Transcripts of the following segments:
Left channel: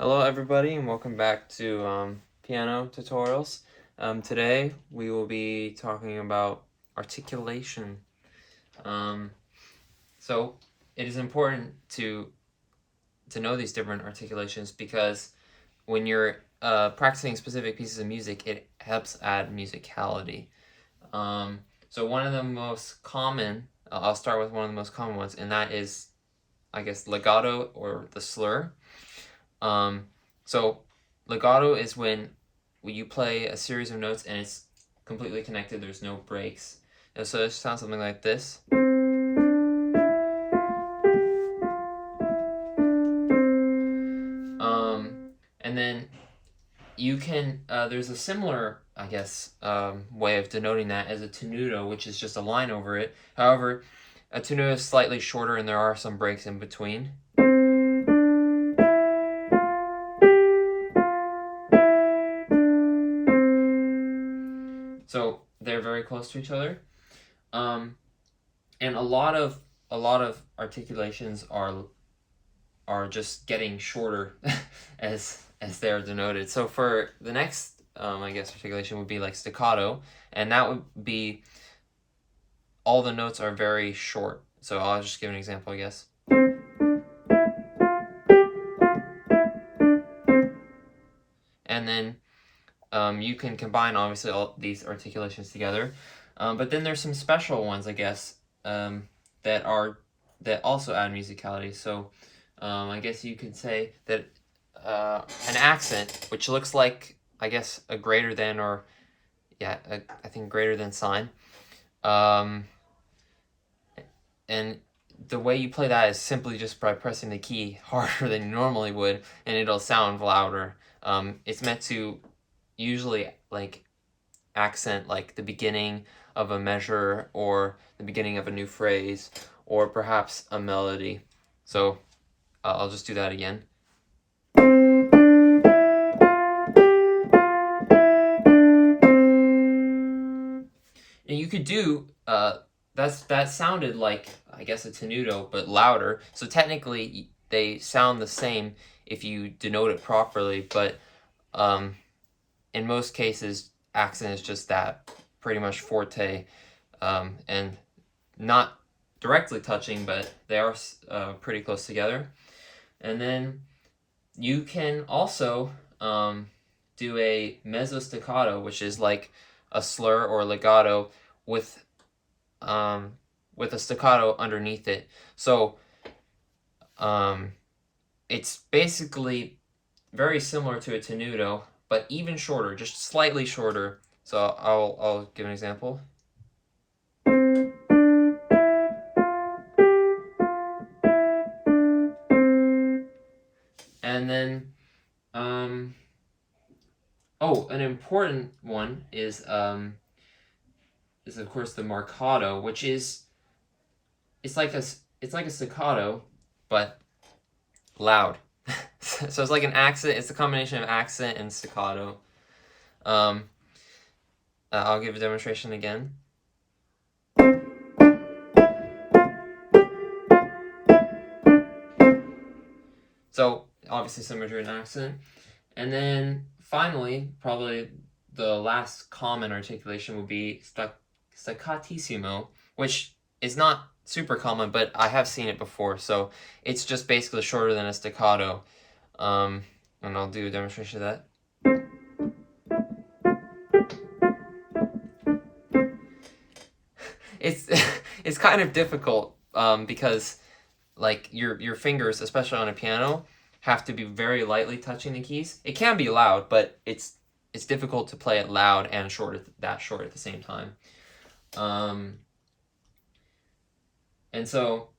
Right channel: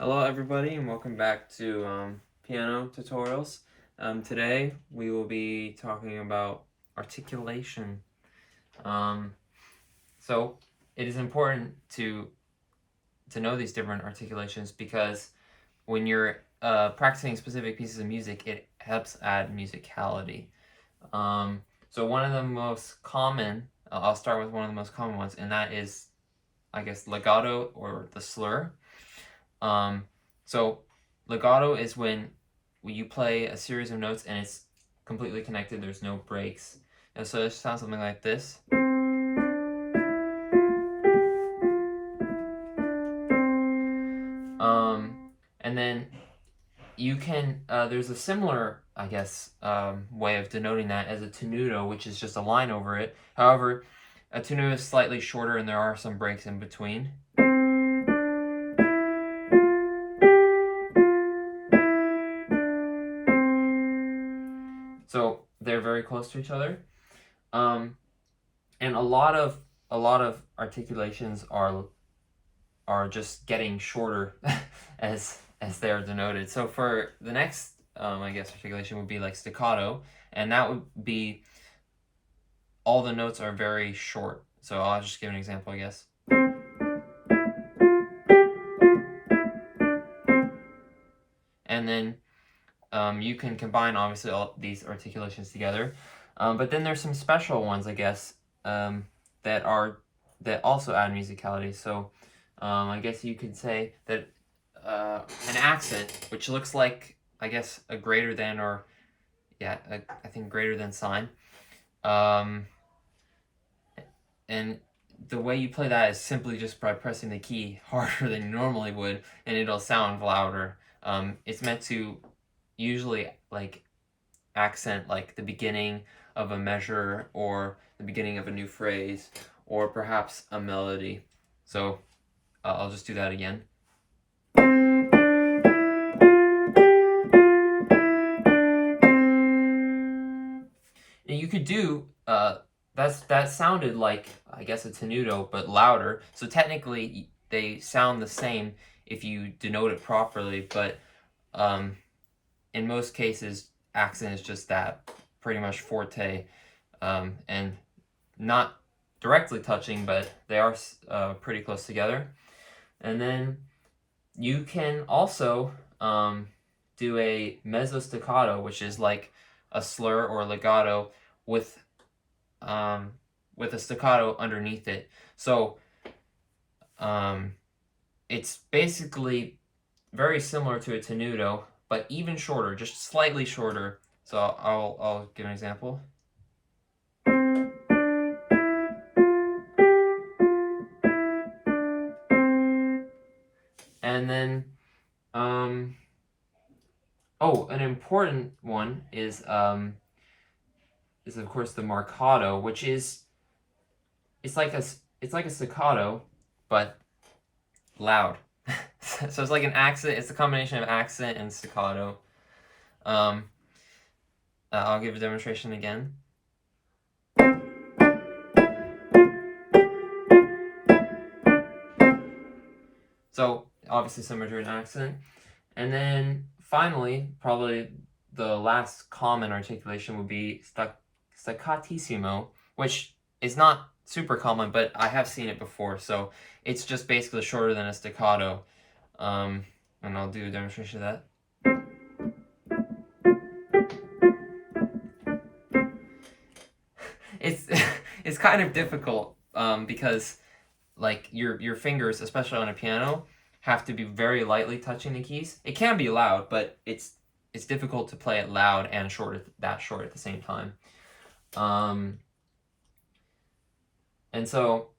Hello everybody and welcome back to piano tutorials. Today we will be talking about articulation. Um, so it is important to know these different articulations because when you're practicing specific pieces of music, it helps add musicality. So one of the most common, I'll start with one of the most common ones, and that is, I guess, legato or the slur. Um, so legato is when you play a series of notes and it's completely connected. There's no breaks. And so it sounds something like this. And then you can, there's a similar, I guess, way of denoting that as a tenuto, which is just a line over it. However, a tenuto is slightly shorter and there are some breaks in between. So they're very close to each other. And a lot of articulations are just getting shorter as they are denoted. So for the next I guess articulation would be like staccato, and that would be all the notes are very short. So I'll just give an example, I guess. And then you can combine obviously all these articulations together, but then there's some special ones, I guess, that also add musicality. So I guess you could say that an accent, which looks like, I guess, a greater than, or yeah, I think greater than sign, and the way you play that is simply just by pressing the key harder than you normally would, and it'll sound louder. It's meant to usually like accent like the beginning of a measure or the beginning of a new phrase or perhaps a melody. So I'll just do that again. And you could do that sounded like, I guess, a tenuto but louder. So technically they sound the same if you denote it properly, but in most cases accent is just that, pretty much forte, and not directly touching, but they are pretty close together. And then you can also do a mezzo staccato, which is like a slur or legato with a staccato underneath it. So it's basically very similar to a tenuto, but even shorter, just slightly shorter. So I'll give an example. And then an important one is of course the marcato, which is it's like a staccato, but loud. So it's like an accent. It's a combination of accent and staccato. I'll give a demonstration again. So obviously similar to an accent. And then finally, probably the last common articulation would be staccatissimo, which is not super common, but I have seen it before. So it's just basically shorter than a staccato. And I'll do a demonstration of that. It's it's kind of difficult because like your fingers, especially on a piano, have to be very lightly touching the keys. It can be loud, but it's difficult to play it loud and short at the same time. And so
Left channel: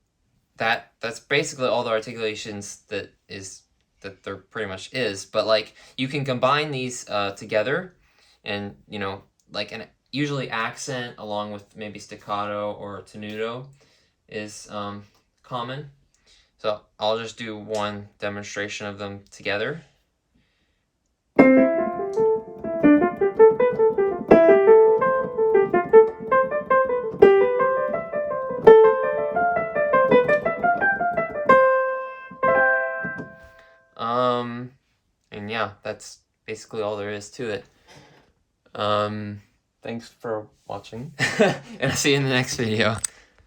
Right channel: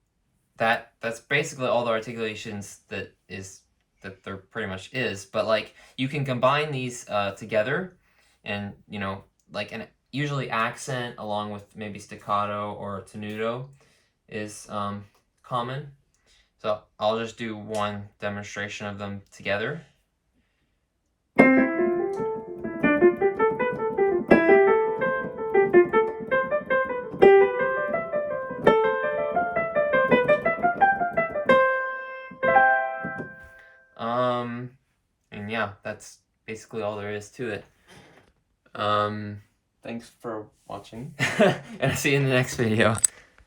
that's basically all the articulations that there pretty much is. But like you can combine these together, and like usually accent along with maybe staccato or tenuto is common. So I'll just do one demonstration of them together. And yeah, that's basically all there is to it. Thanks for watching, and I'll see you in the next video.